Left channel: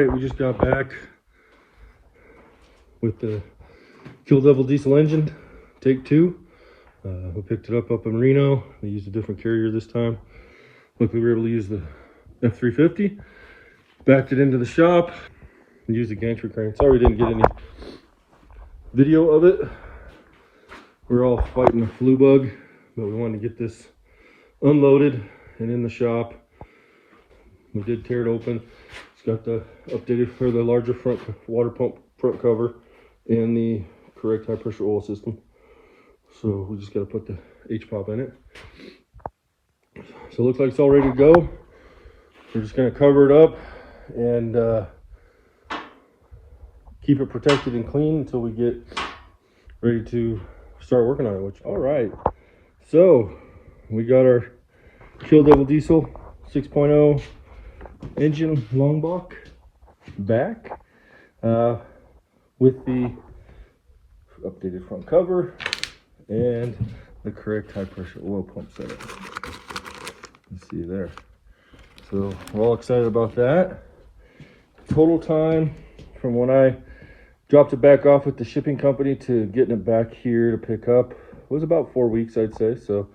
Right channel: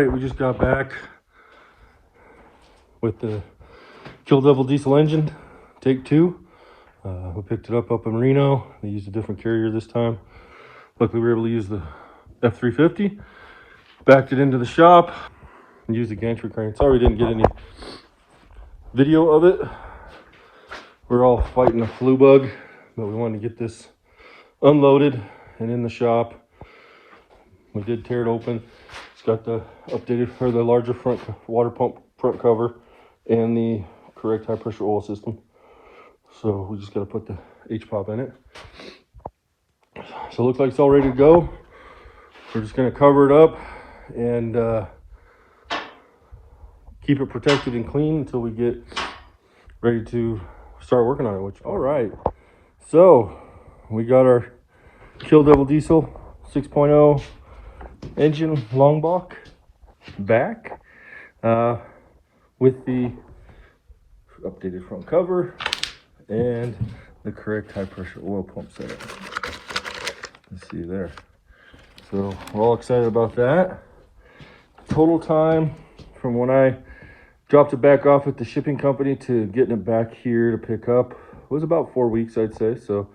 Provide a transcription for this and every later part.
right, we just got back with the Kill Devil diesel engine, take two. We picked it up in Reno. They used a different carrier this time. Luckily, we were able to use the F350. Backed it into the shop and used the gantry crane. Sorry we didn't get any video of it. We're all fighting a flu bug, but we wanted to get this unloaded and in the shop. We did tear it open. It's got the updated for the larger front water pump front cover and the correct high pressure oil system. So we just got to put the H-pop in it. So it looks like it's all ready to go. We're just going to cover it up and keep it protected and clean until we get ready to start working on it. All right, so we got our Kill Devil Diesel 6.0 engine long block back with the updated front cover and the correct high pressure oil pump setup. You see there. So we're all excited about that. Total time from when I dropped it back off at the shipping company to getting it back here to pick up was about 4 weeks, I'd say. So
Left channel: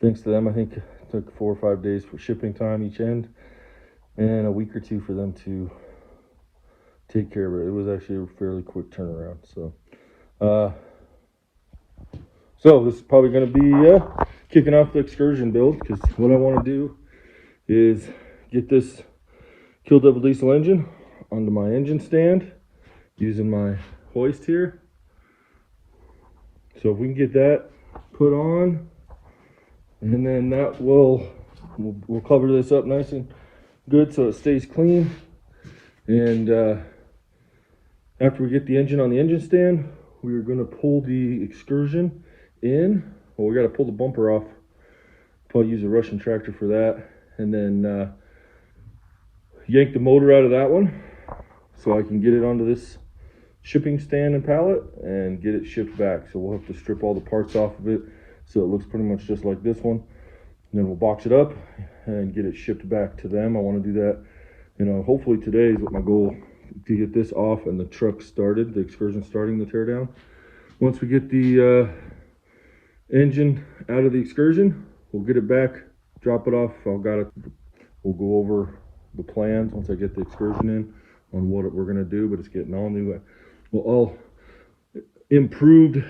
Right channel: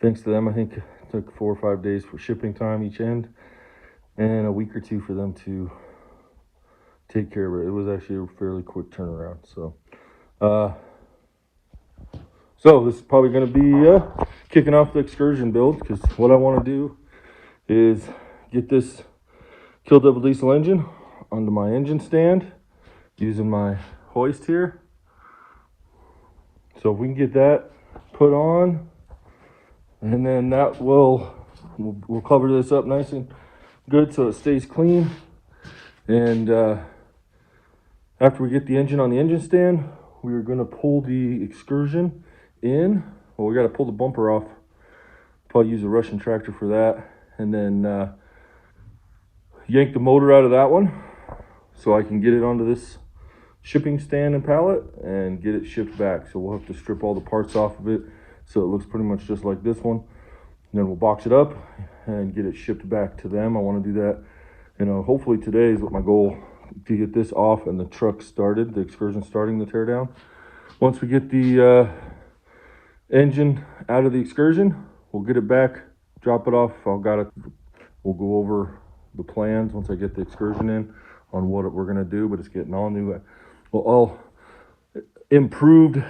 thanks to them, I think it took 4 or 5 days for shipping time each end and a week or two for them to take care of it. It was actually a fairly quick turnaround. So this is probably going to be kicking off the Excursion build, because what I want to do is get this Kill Devil diesel engine onto my engine stand using my hoist here. So if we can get that put on, and then that we'll cover this up nice and good so it stays clean. And after we get the engine on the engine stand, we're going to pull the Excursion in. Well, we got to pull the bumper off. Probably use a Russian tractor for that, and then yank the motor out of that one so I can get it onto this shipping stand and pallet and get it shipped back. So we'll have to strip all the parts off of it so it looks pretty much just like this one, and then we'll box it up and get it shipped back to them. I want to do that, hopefully today is what my goal, to get this off and the truck started, the Excursion starting the teardown. Once we get the engine out of the Excursion, we'll get it back, drop it off. We'll go over the plans once I get the Excursion in on what we're going to do, but it's getting all new, all improved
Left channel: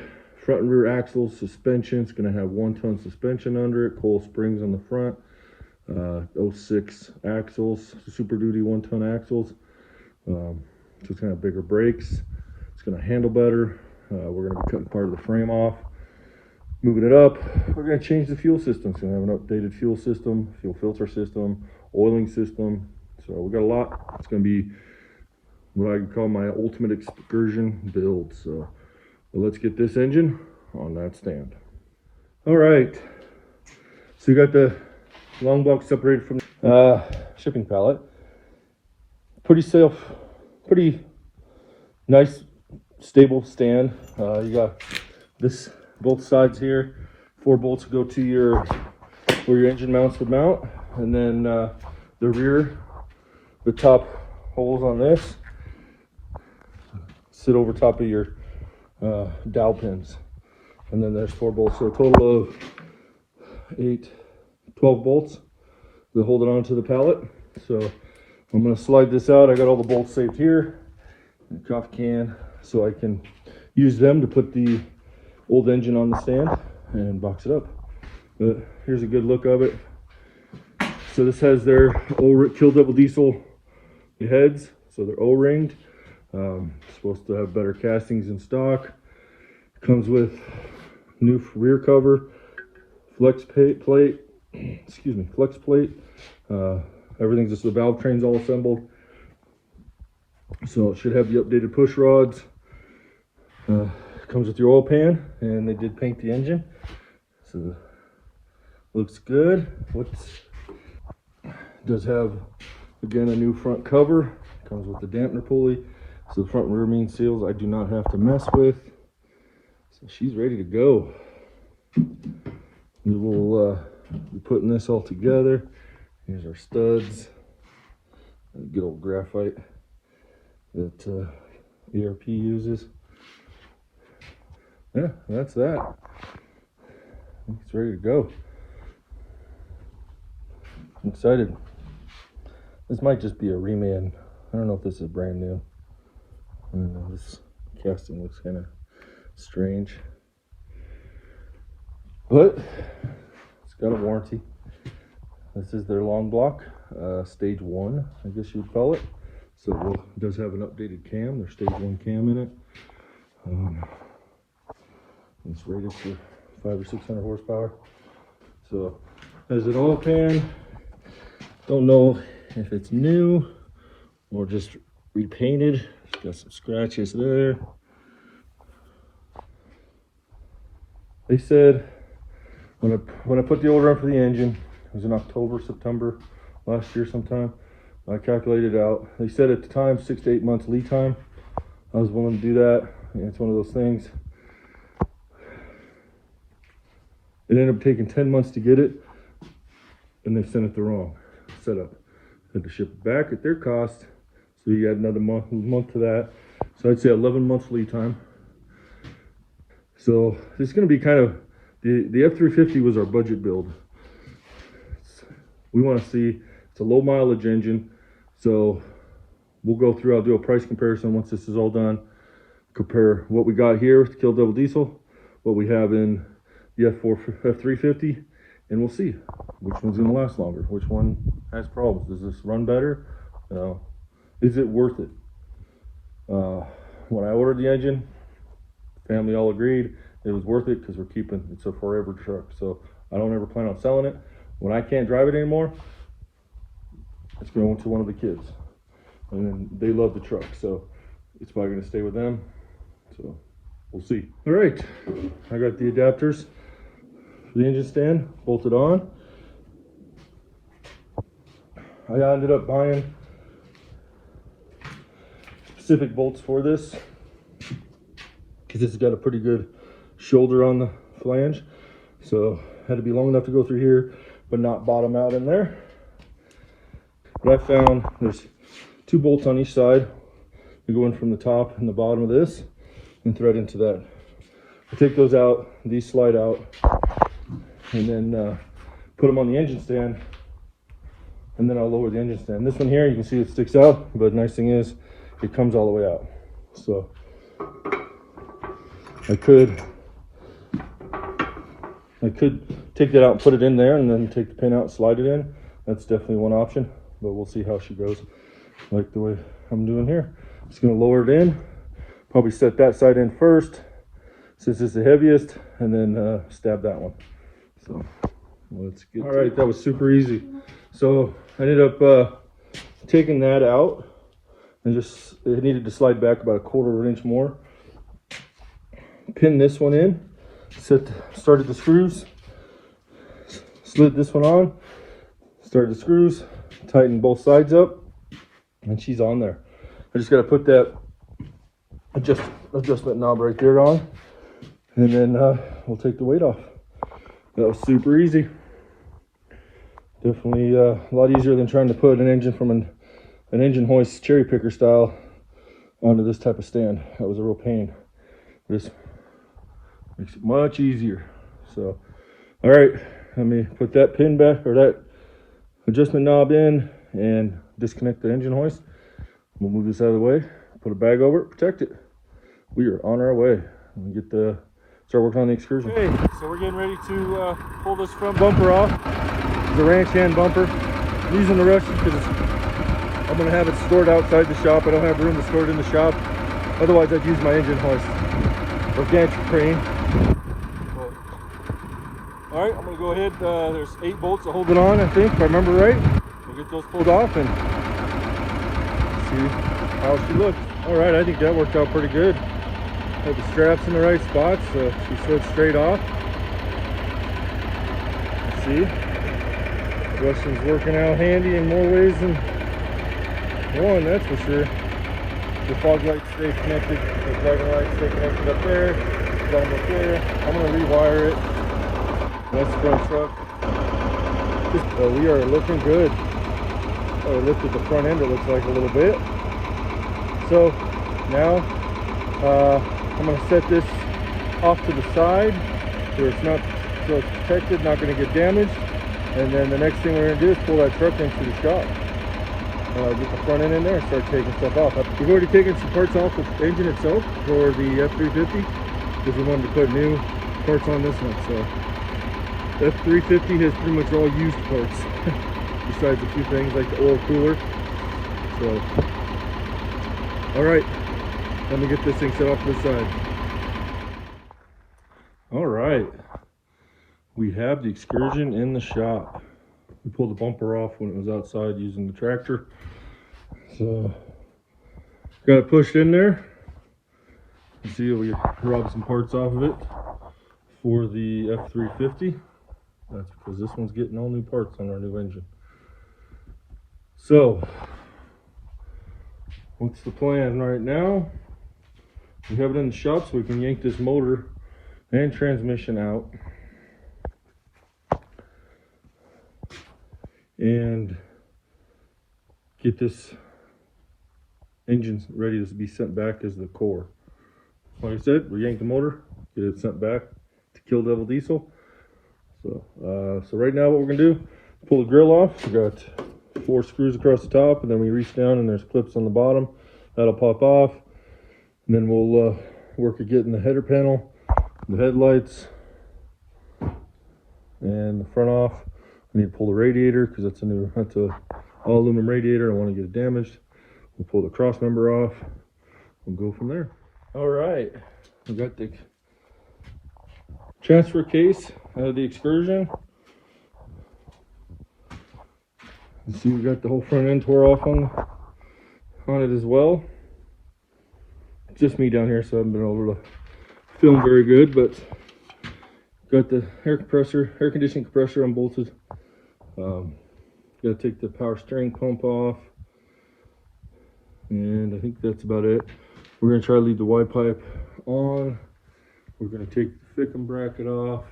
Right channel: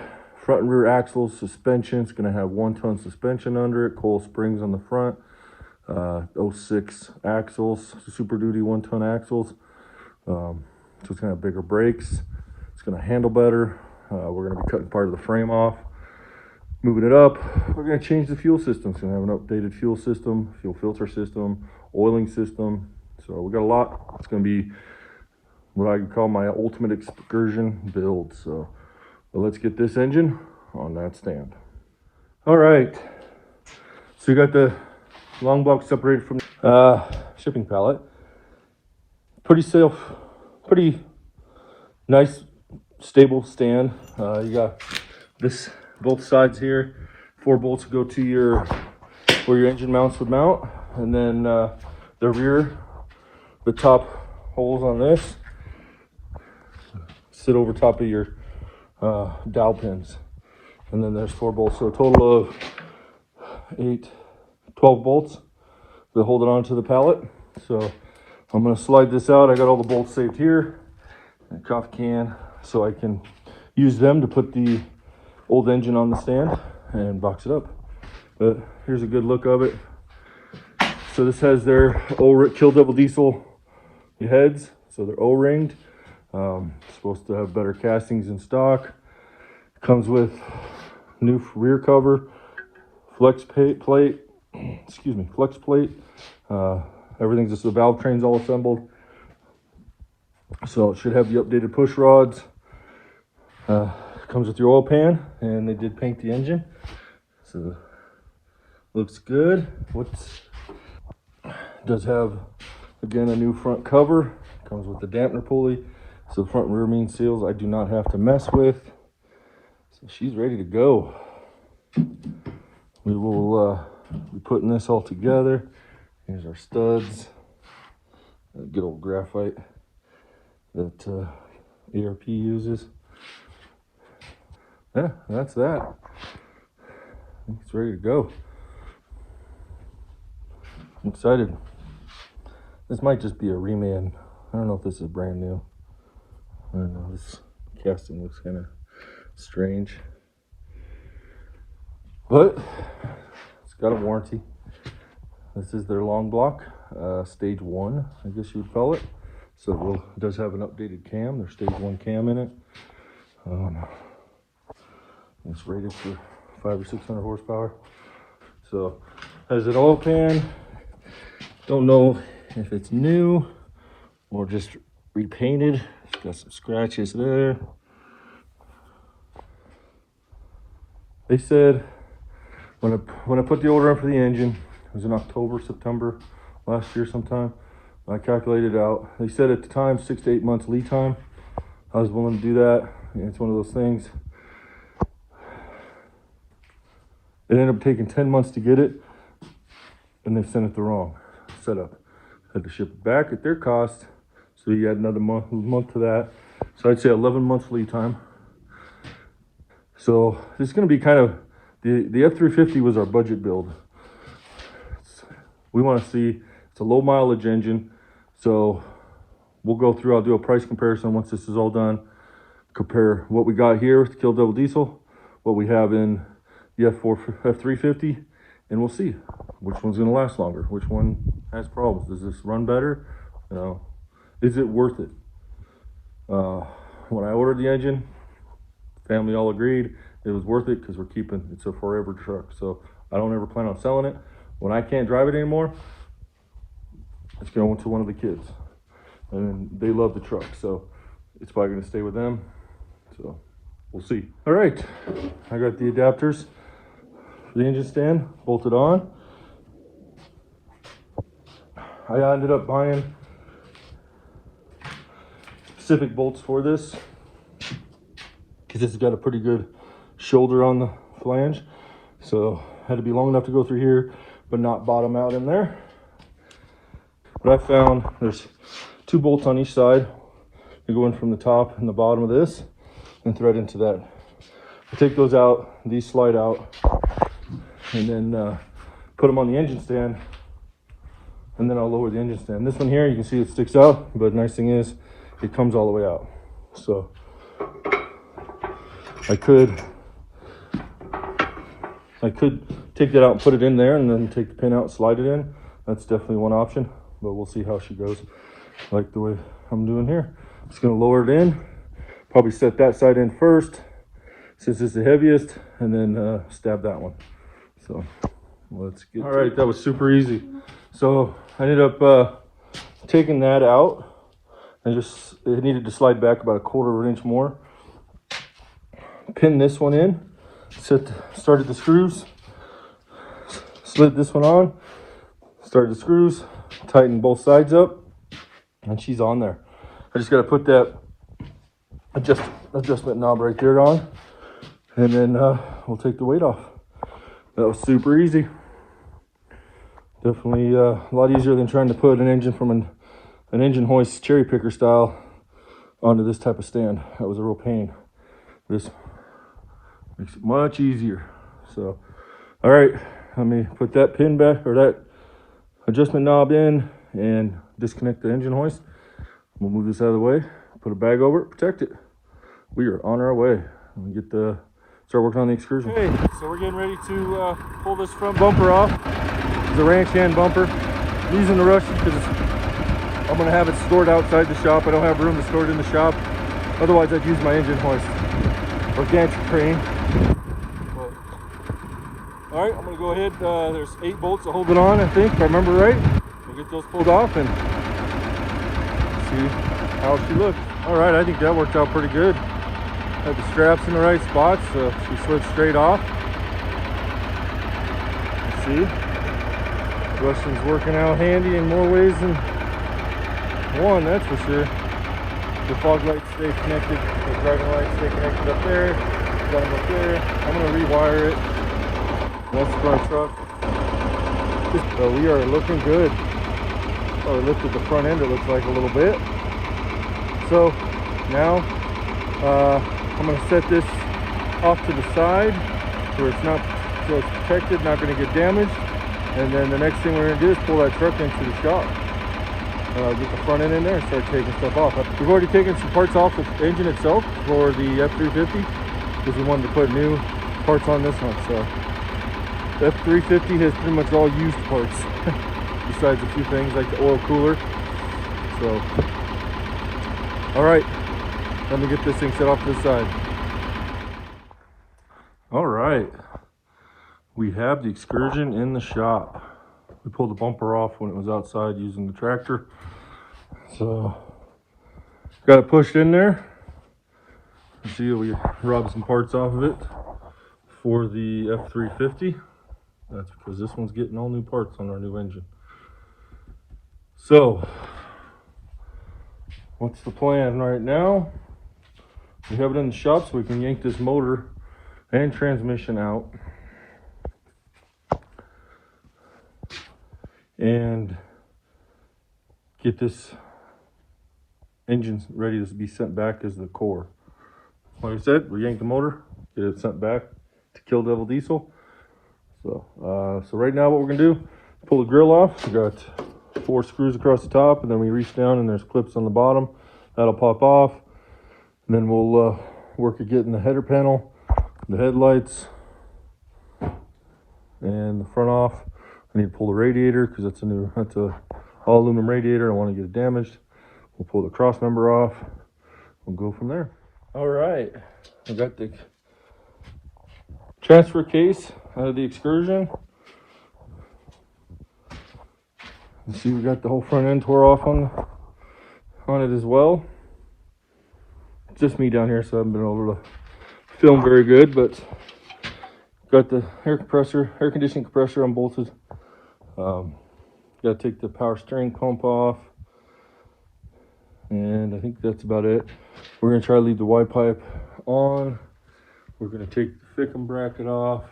front and rear axles, suspension. It's going to have 1-ton suspension under it, coil springs on the front, 06 axles, Super Duty 1-ton axles. So it's going to have bigger brakes. It's going to handle better. We're going to be cutting part of the frame off, moving it up. We're going to change the fuel system. It's going to have an updated fuel system, fuel filter system, oiling system. So we got a lot. It's going to be what I can call my ultimate Excursion build. So let's get this engine on that stand. All right. So you got the long box separated from the shipping pallet. Pretty nice, stable stand. You got this, both sides here, 4 bolts go to where your engine mounts would mount, and then the rear, the top holes on this sit over top of your dowel pins, and then there's 4 bolts, so a total of 12 bolts that hold it onto the pallet. So I'm going to slide this out. I got all the bolts saved here in a coffee can, so I can use them to put the old engine on the stand and box it up. But here's a good look of it. So this has their Kill Devil diesel heads, so they're O-ringed. Supposed to have better castings in stock. Comes with new rear cover, flex plate. Everything's just, the valve train's all assembled. So it should have the updated push rods. Comes with your oil pan, and they did paint the engine, so looks good. Does have, again, a new front cover. Comes with the dampener pulley, so the front and rear main seals I do not have to mess with. So she's ready to go. We will be putting this all together. Here's our studs, good old graphite that ERP uses. Yeah, that's that. It's ready to go. I'm excited. This might just be a reman. I don't know if this is brand new. I don't know, this casting looks kind of strange. But it's got a warranty. This is their long block, stage 1, I guess you would call it. So it does have an updated cam. There's stage 1 cam in it. It's rated for 500 or 600 horsepower. So has an oil pan. Don't know if it's new or just repainted. It's got some scratches there. They said when I put the order in for the engine, it was in October, September last year sometime. I calculated it out. They said at the time 6 to 8 months lead time. I was willing to do that. And it's one of those things. It ended up taking 10 months to get it, and they sent it the wrong setup. Had to ship it back at their cost, so you got another month to that. So I'd say 11 months lead time. So it's going to be kind of, the F350 was our budget build. We want to see, it's a low mileage engine, so we'll go through, I'll do a price comparison once this is all done, compare what we got here with the Kill Devil diesel, what we have in the F350, and we'll see which one's going to last longer, which one has problems. Does this run better? No. Is it worth it? When I ordered the engine, family all agreed it was worth it because we're keeping, it's a forever truck. So I don't ever plan on selling it. When I can't drive it anymore, it's going to one of the kids. And they love the truck, so it's probably going to stay with them. So we'll see. All right, I got the adapters for the engine stand bolted on. I ended up buying specific bolts for this because it's got a pretty good shoulder on the flange, so had to be long enough to go through here but not bottom out in there. But I found there's 2 bolts on each side. You go in from the top and the bottom of this and thread into that. I take those out, these slide out, and then put them on the engine stand, and then I'll lower the engine stand. This one here, you can see it sticks out, but the nice thing is it comes all the way out. So I could take that out and put it in there and then take the pin out and slide it in. That's definitely one option, but we'll see how she goes. Like the way I'm doing here. Just gonna lower it in, probably set that side in first since it's the heaviest, and then stab that one. So let's get all right, that was super easy. So I ended up taking that out and just, it needed to slide back about 1/4 inch more. Pin this one in, started the screws, slid this one on, started the screws, tighten both sides up, and she's on there. I just got to put that adjustment knob right there on, and then we'll take the weight off. That was super easy. Definitely a lot easier than trying to put an engine from an engine hoist cherry picker style onto this type of stand. That was a real pain. This makes it much easier. So, all right, let me put that pin back, or that adjustment knob in, and disconnect the engine hoist. We'll move this out of the way, put a bag over it, protect it. We are on our way. We'll start working on the Excursion. Okay, so we're getting ready to pull this front bumper off. It's a ranch hand bumper. I'm using the Russian because I'm going to have it stored outside the shop. I don't have room to store it in the shop. Otherwise, I'd use my engine hoist or gantry crane. But, all right, I'm going to go ahead. There's 8 bolts that hold it on, I think, if I remember right. We'll get those pulled off and see how she looks. All right, I think that worked out pretty good. Had the straps in the right spots, so she slid straight off. Let's see. Russian's working out handy in more ways than one, that's for sure. The fog lights stay connected, the driving lights stay connected up there, got them up there. I'm going to rewire it. That's the right truck. We are looking good. Oh, I looked at the front end, it looks like a little bit. So now I'm going to set this off to the side where it's not, so it's protected, not going to get damaged. And then the next thing we're going to do is pull that truck into the shop. Get the front end in there and start taking stuff off. We've already taken some parts off the engine itself for the F350 because we wanted to put new parts on this one. So the F350 has pretty much all used parts besides a few things like the oil cooler. So, all right, let me get this thing set off to the side. All right, we have the Excursion in the shop. We pulled the bumper off when it was outside using the tractor. So, got it pushed in there. You see, we robbed some parts off of it for the F350. That's because this one's getting all new parts on our new engine. So, what's the plan right now? We have it in the shop so we can yank this motor and transmission out. And get this engine ready to be sent back as the core. Like I said, we yank the motor, get it sent back to Kill Devil Diesel. So right now what we're gonna do, pull the grill off. We got 4 screws across the top, and then we reach down and there's clips on the bottom. That'll pop off. And then we'll work at getting the header panel, the headlights, and the front off. I need to pull the radiator because that's a all aluminum radiator. I don't want to get it damaged. We'll pull the cross member off. We'll go from there. All right, I got the transfer case out of the Excursion. You see, we got the whole front end tore off on it as well. It's just me down here, so I haven't been able to film very good, but got the air conditioning compressor unbolted. Got to take the power steering pump off, and I think that's about it. We're going to try to leave the Y pipe on. We're going to take the Fickum bracket off,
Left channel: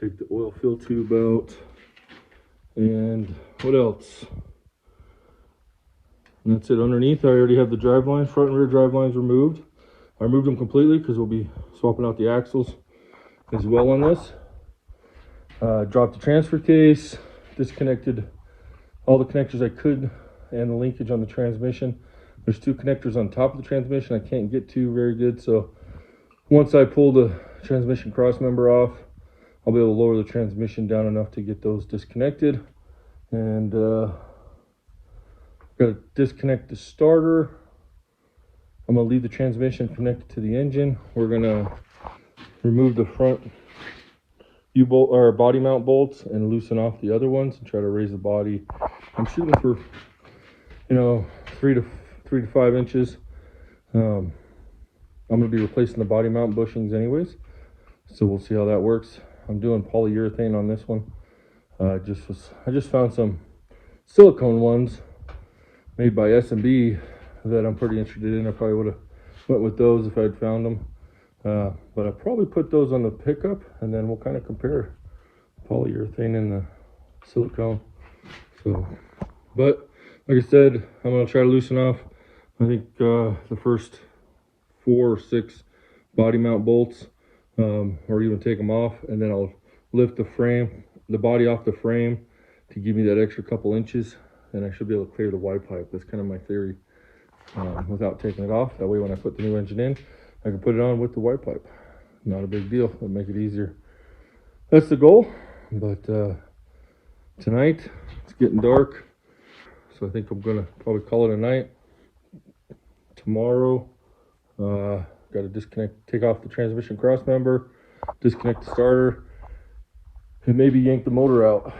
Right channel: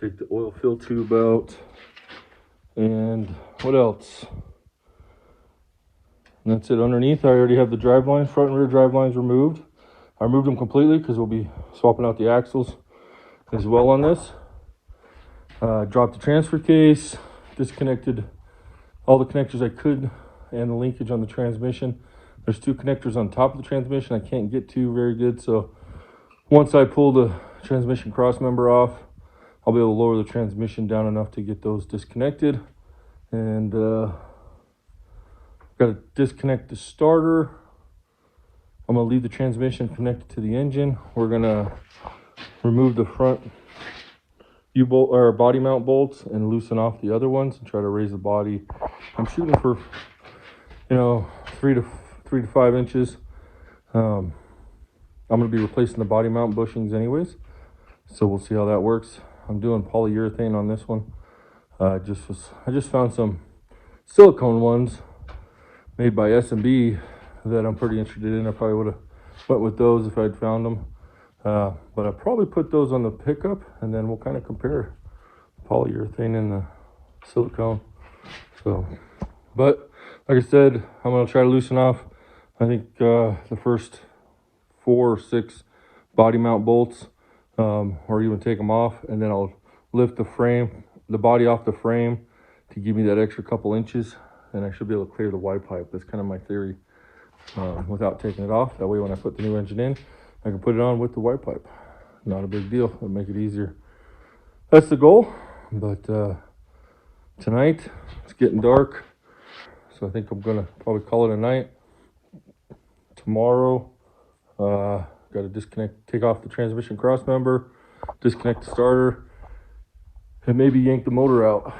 take the oil fill tube out, and what else? And that's it. Underneath, I already have the drive lines, front and rear drive lines removed. I removed them completely because we'll be swapping out the axles as well on this. Dropped the transfer case, disconnected all the connectors I could, and the linkage on the transmission. There's 2 connectors on top of the transmission I can't get to very good, so once I pull the transmission cross member off, I'll be able to lower the transmission down enough to get those disconnected. And got to disconnect the starter. I'm going to leave the transmission connected to the engine. We're going to remove the front U-bolt or body mount bolts and loosen off the other ones and try to raise the body. I'm shooting for, 3 to 5 inches. I'm going to be replacing the body mount bushings anyways, so we'll see how that works. I'm doing polyurethane on this one. I just found some silicone ones made by S&B that I'm pretty interested in. I probably would have went with those if I'd found them. But I'll probably put those on the pickup, and then we'll kind of compare polyurethane and the silicone. So, but like I said, I'm going to try to loosen off, I think, the first 4 or 6 body mount bolts, or even take them off, and then I'll lift the body off the frame to give me that extra couple inches, and I should be able to clear the Y pipe. That's kind of my theory, without taking it off. That way when I put the new engine in, I can put it on with the Y pipe. Not a big deal. It'll make it easier. That's the goal. But tonight, it's getting dark, so I think I'm gonna probably call it a night. Tomorrow, got to take off the transmission cross member, disconnect the starter, and maybe yank the motor out.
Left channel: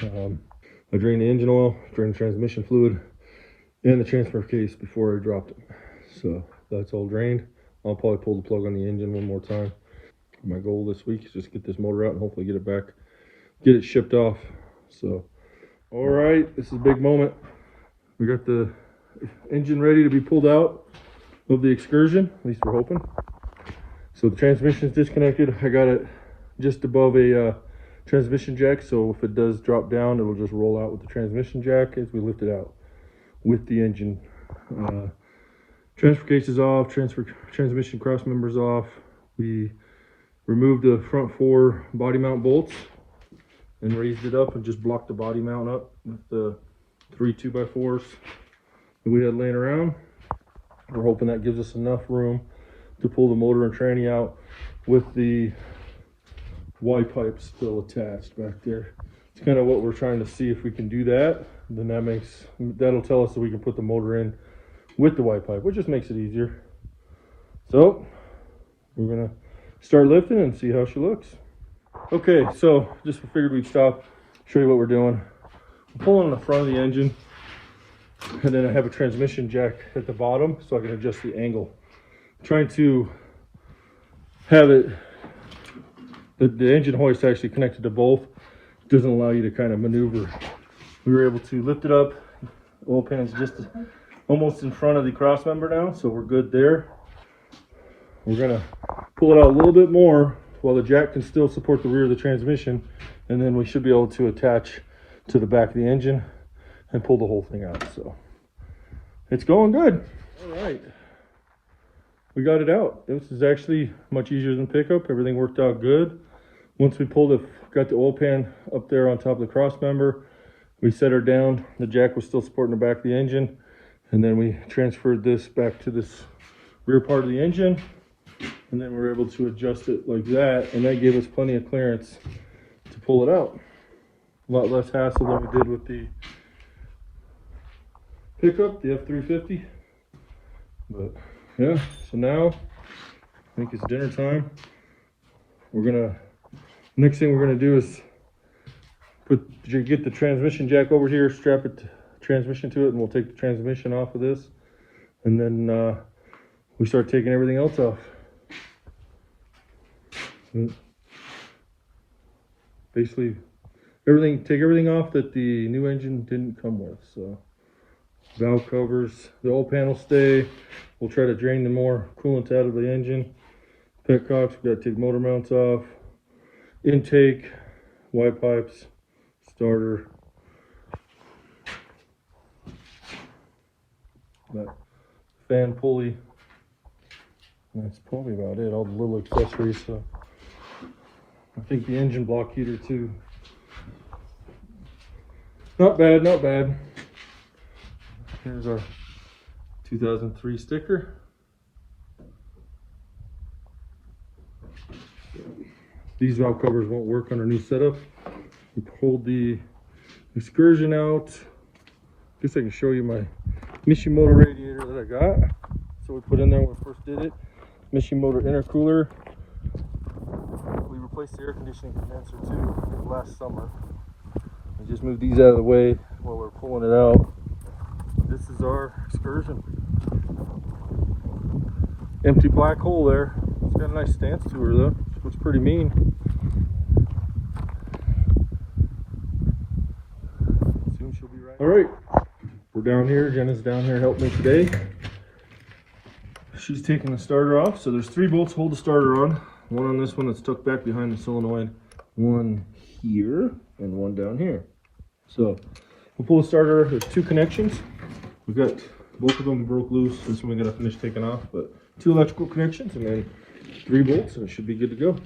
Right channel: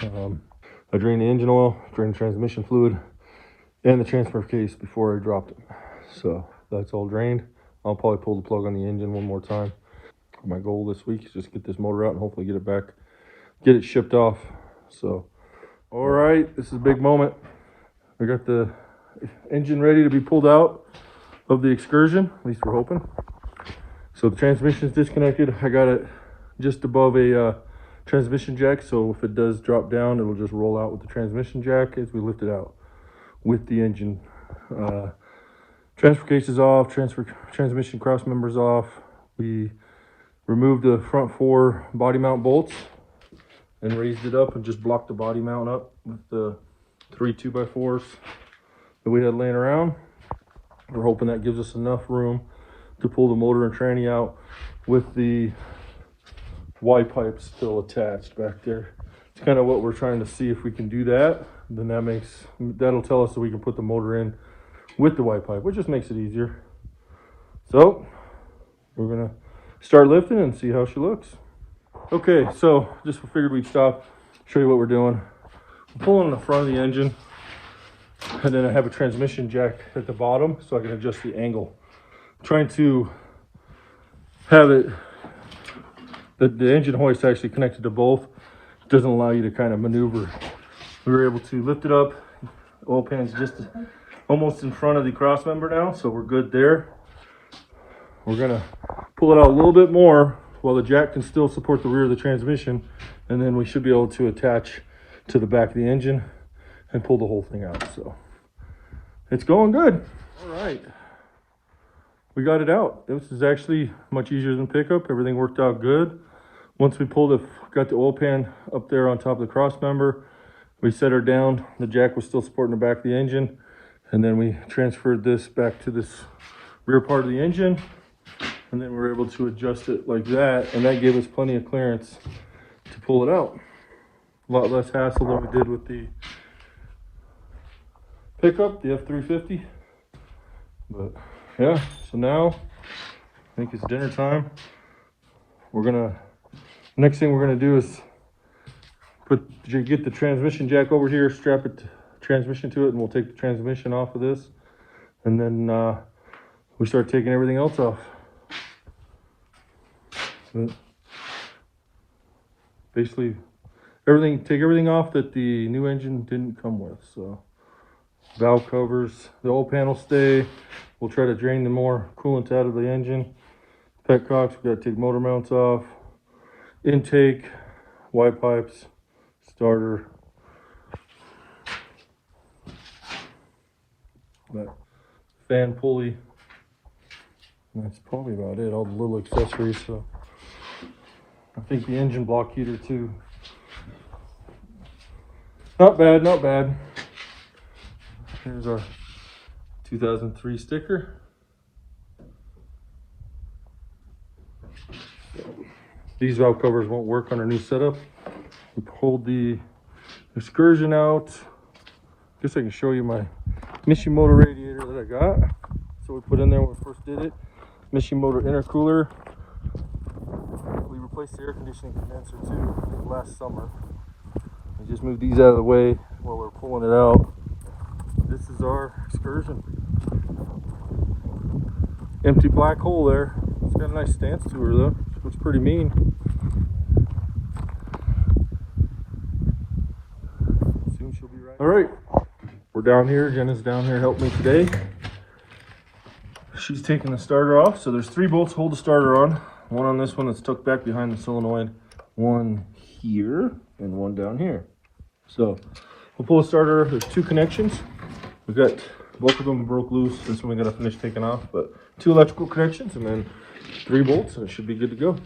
I drained the engine oil, drained the transmission fluid, and the transfer case before I dropped it. So that's all drained. I'll probably pull the plug on the engine one more time. My goal this week is just get this motor out and hopefully get it back, get it shipped off. So, all right, this is a big moment. We got the engine ready to be pulled out of the Excursion, at least we're hoping. So the transmission is disconnected. I got it just above a transmission jack, so if it does drop down, it will just roll out with the transmission jack as we lift it out with the engine Transfer case is off, transmission cross members off. We removed the front 4 body mount bolts and raised it up and just blocked the body mount up with the 3 2x4s that we had laying around. We're hoping that gives us enough room to pull the motor and tranny out with the Y pipe still attached back there. It's kind of what we're trying to see if we can do that. Then that'll tell us that we can put the motor in with the Y pipe, which just makes it easier. So we're gonna start lifting and see how she looks. Okay, so just figured we'd stop, show you what we're doing. We're pulling on the front of the engine, and then I have a transmission jack at the bottom so I can adjust the angle. I'm trying to have it, the engine hoist actually connected to both. It doesn't allow you to kind of maneuver. We were able to lift it up. Oil pan's just almost in front of the cross member now, so we're good there. We're gonna pull it out a little bit more while the jack can still support the rear of the transmission, and then we should be able to attach to the back of the engine and pull the whole thing out. So it's going good. All right, we got it out. This is actually much easier than pickup. Everything worked out good. Once we got the oil pan up there on top of the cross member, we set her down. The jack was still supporting the back of the engine, and then we transferred this back to this rear part of the engine, and then we were able to adjust it like that, and that gave us plenty of clearance to pull it out. A lot less hassle than we did with the pickup, the F350. But yeah, so now I think it's dinner time. Next thing we're gonna do is get the transmission jack over here, strap it transmission to it, and we'll take the transmission off of this, and then we start taking everything else off. Basically take everything off that the new engine didn't come with. So valve covers, the oil pan will stay. We'll try to drain the more coolant out of the engine. Petcocks, we got to take motor mounts off, intake, Y pipes, starter, that fan pulley. That's probably about it, all the little accessories. So I think the engine block heater too. Not bad, not bad. Here's our 2003 sticker. These valve covers won't work on our new setup. We pulled the Excursion out. Guess I can show you my Mishimoto radiator that I got. So we put in there when we first did it. Mishimoto intercooler. We replaced the air conditioning condenser too last summer. I just moved these out of the way while we're pulling it out. This is our Excursion. Empty black hole there. It's got a nice stance to her though. Looks pretty mean. Soon she'll be right. All right, we're down here. Jenna's down here helping me today. She's taking the starter off. So there's 3 bolts to hold the starter on. One on this one that's tucked back behind the solenoid. One here and one down here. So we'll pull the starter. There's 2 connections. We've got both of them broke loose. This one we gotta finish taking off, but 2 electrical connections and then 3 bolts, and it should be good to go.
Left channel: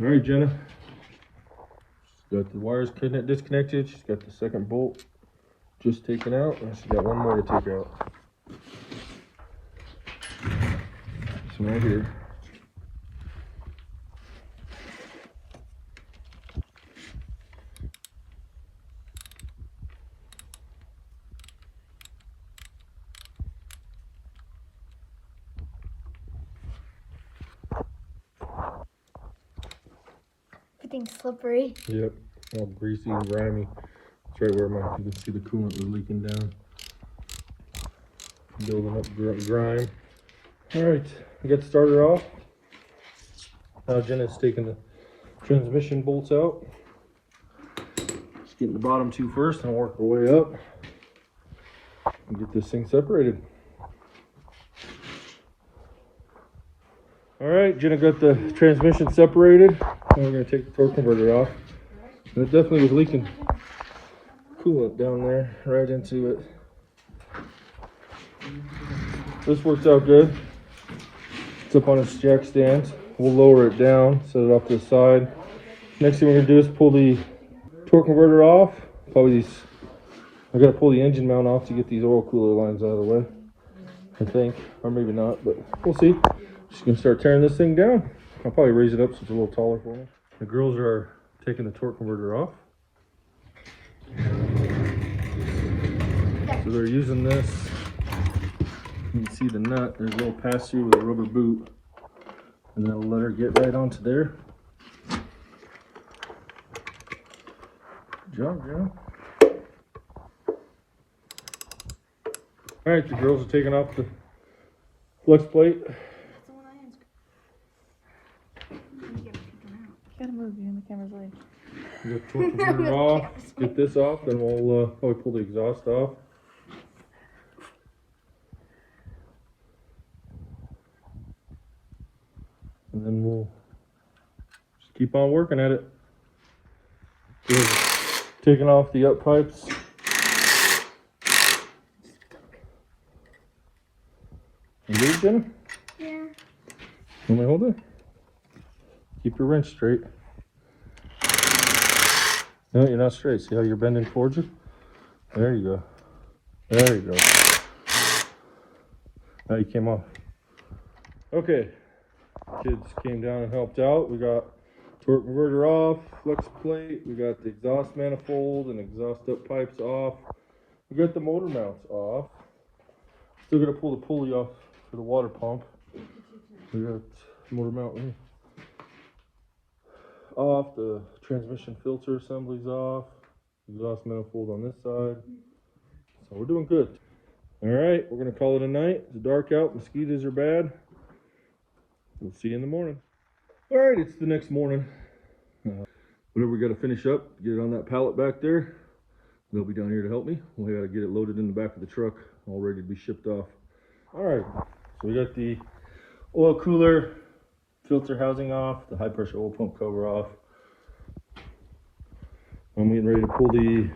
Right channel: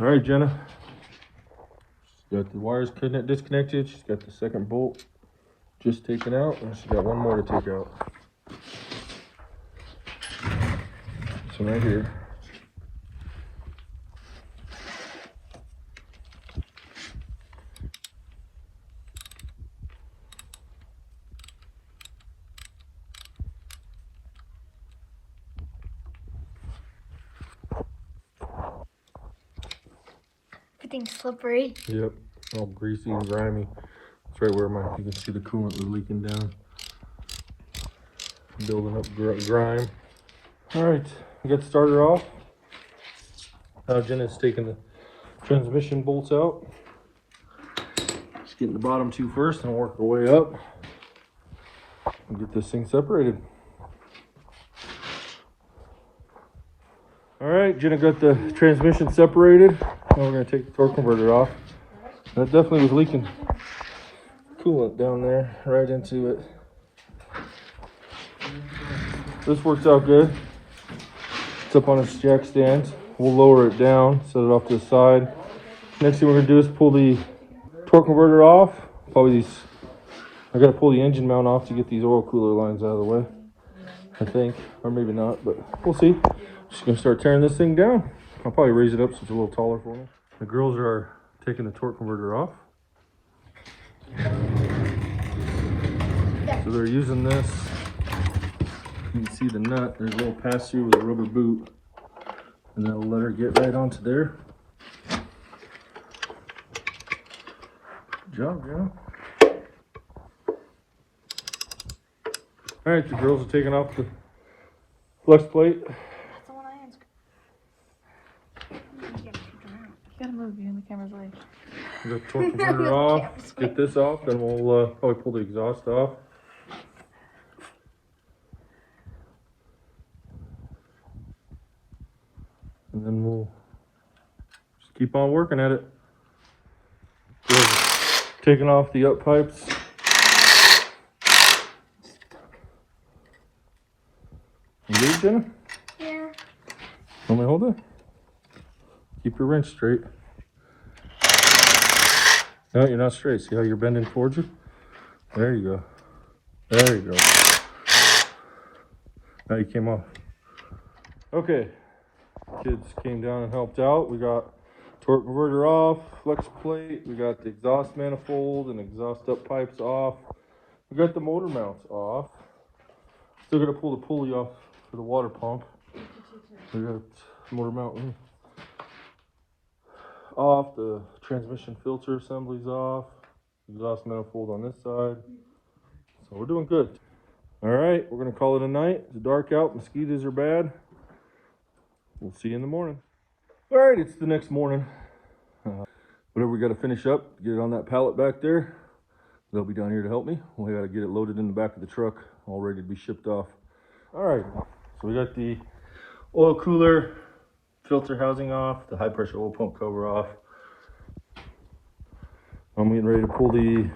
All right, Jenna. She's got the wires disconnected. She's got the second bolt just taken out, and she's got one more to take out. So right here. Everything's slippery. Yep, all greasy and grimy. That's right where you can see the coolant is leaking down. Building up grime. All right, we got the starter off. Now Jenna's taking the transmission bolts out. Just getting the bottom 2 first and work our way up and get this thing separated. All right, Jenna got the transmission separated. Now we're going to take the torque converter off. That definitely was leaking coolant down there right into it. this works out good. It's up on its jack stand. We'll lower it down, set it off to the side. Next thing we're gonna do is pull the torque converter off. Probably these, I gotta pull the engine mount off to get these oil cooler lines out of the way, I think, or maybe not, but we'll see. Just gonna start tearing this thing down. I'll probably raise it up so it's a little taller for me. The girls are taking the torque converter off. So they're using this. You can see the nut. There's a little pass through with a rubber boot, and that'll let her get right onto there. Good job, Jim. All right, the girls are taking off the flex plate. That's the one I answered. You gotta move you in the camera's way. Get the torque converter off. Get this off, then we'll probably pull the exhaust off. And then we'll just keep on working at it. Taking off the up pipes. You good, Jenna? Yeah. Want me to hold it? Keep your wrench straight. No, you're not straight. See how you're bending towards you? There you go. There you go. Now you came off. Okay. Kids came down and helped out. We got torque converter off, flex plate. We got the exhaust manifold and exhaust up pipes off. We got the motor mounts off. Still gonna pull the pulley off for the water pump. We got motor mount off. The transmission filter assembly's off. Exhaust manifold on this side. So we're doing good. All right, we're gonna call it a night. It's dark out. Mosquitoes are bad. We'll see you in the morning. All right, it's the next morning. Whatever we got to finish up, get it on that pallet back there. They'll be down here to help me. We got to get it loaded in the back of the truck, all ready to be shipped off. All right, so we got the oil cooler filter housing off, the high pressure oil pump cover off. I'm getting ready to pull the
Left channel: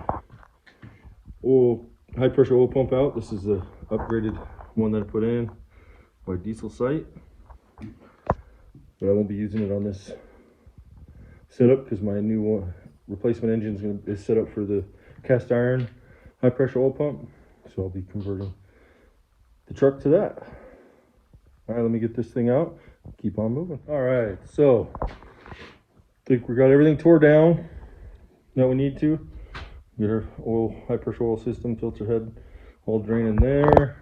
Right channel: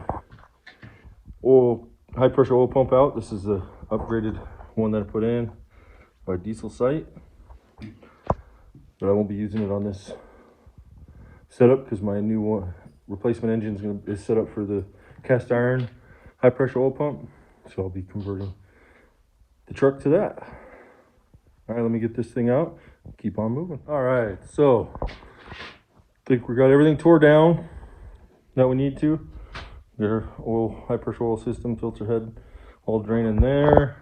high pressure oil pump out. This is the upgraded one that I put in by Diesel Site. But I won't be using it on this setup because my new replacement engine is set up for the cast iron high pressure oil pump. So I'll be converting the truck to that. All right, let me get this thing out. Keep on moving. All right, so I think we got everything tore down that we need to. Get our high pressure oil system, filter head all draining there.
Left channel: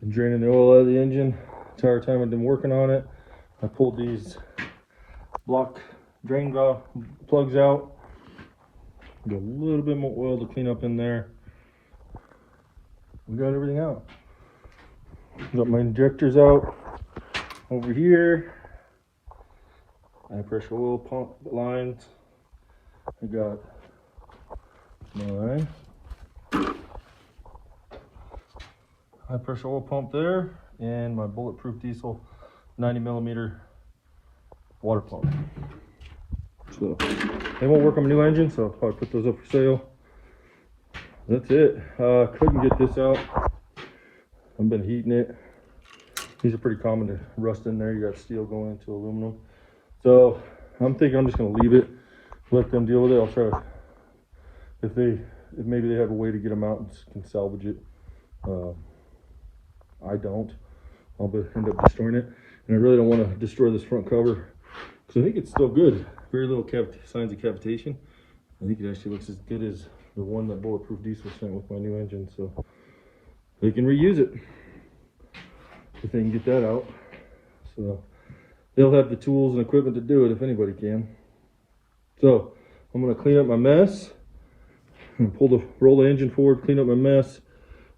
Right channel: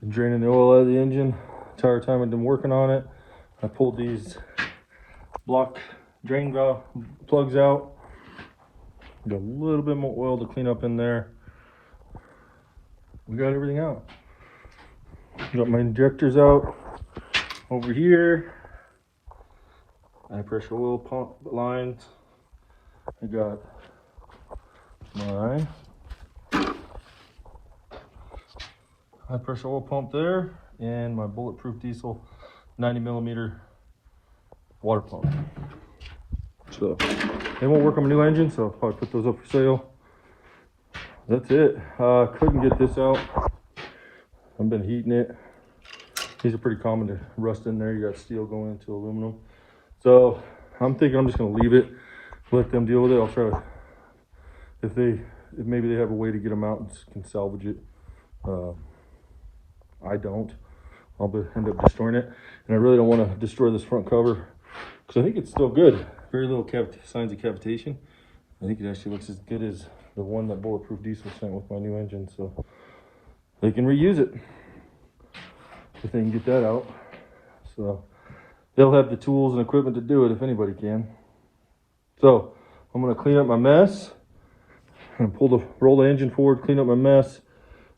Been draining the oil out of the engine the entire time I've been working on it. I pulled these block drain valve plugs out. Got a little bit more oil to clean up in there. We got everything out. Got my injectors out over here. High pressure oil pump lines. I got my high pressure oil pump there and my bulletproof diesel 90mm water pump. So they won't work on my new engine, so I'll probably put those up for sale. That's it. Couldn't get this out. I've been heating it. These are pretty common to rust in there. You got steel going into aluminum. So I'm thinking I'm just gonna leave it, let them deal with it. I'll try to, if maybe they have a way to get them out and can salvage it. I don't. I'll end up destroying it. And I really don't want to destroy this front cover because I think it's still good. Very little signs of cavitation. I think it actually looks as good as the one that Bulletproof Diesel sent with my new engine. So they can reuse it if they can get that out. So they'll have the tools and equipment to do it if anybody can. So I'm going to clean up my mess. I'm going to roll the engine forward, clean up my mess,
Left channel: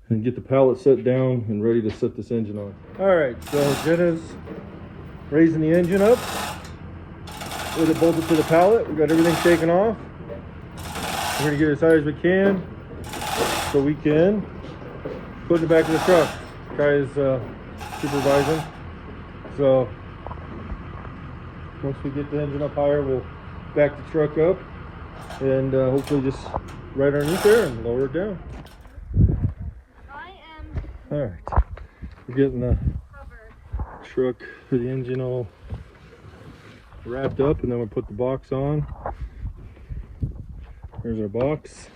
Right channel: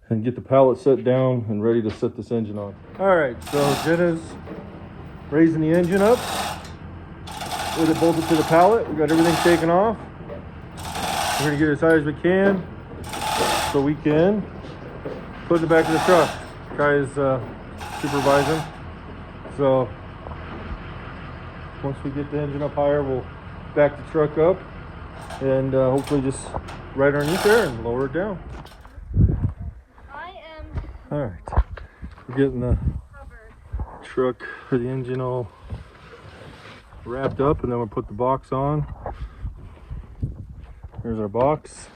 and get the pallet set down and ready to set this engine on. All right, so Jenna's raising the engine up with it bolted to the pallet. We got everything taken off. We're gonna get as high as we can so we can put it in the back of the truck. Guys supervising. So once we get the engine up higher, we'll back the truck up and hopefully just right underneath there and lower it down. I am. All right. We're getting the truck for the engine all wrapped up, and then we'll put the box on. Here's our box.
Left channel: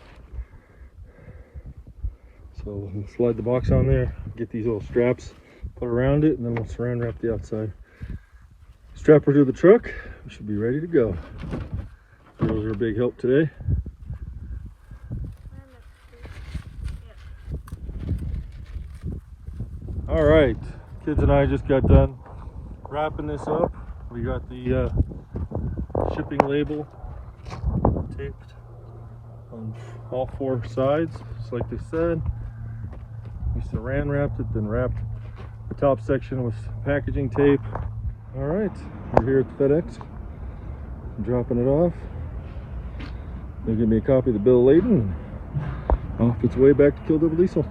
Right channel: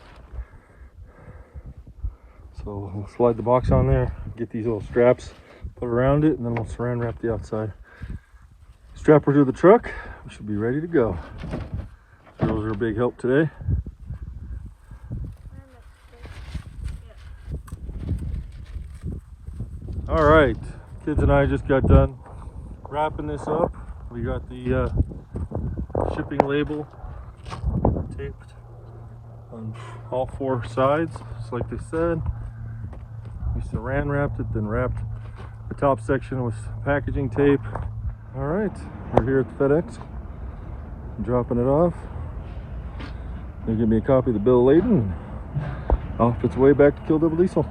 So we'll slide the box on there, get these little straps put around it, and then we'll saran wrap the outside. Strap her to the truck. We should be ready to go. Those are a big help today. All right, kids and I just got done wrapping this up. We got the shipping label taped on all 4 sides, just like they said. We saran wrapped it, then wrapped the top section with packaging tape. All right, we're here at the FedEx, dropping it off. They give me a copy of the bill of lading, and off its way back to Kill Double Diesel.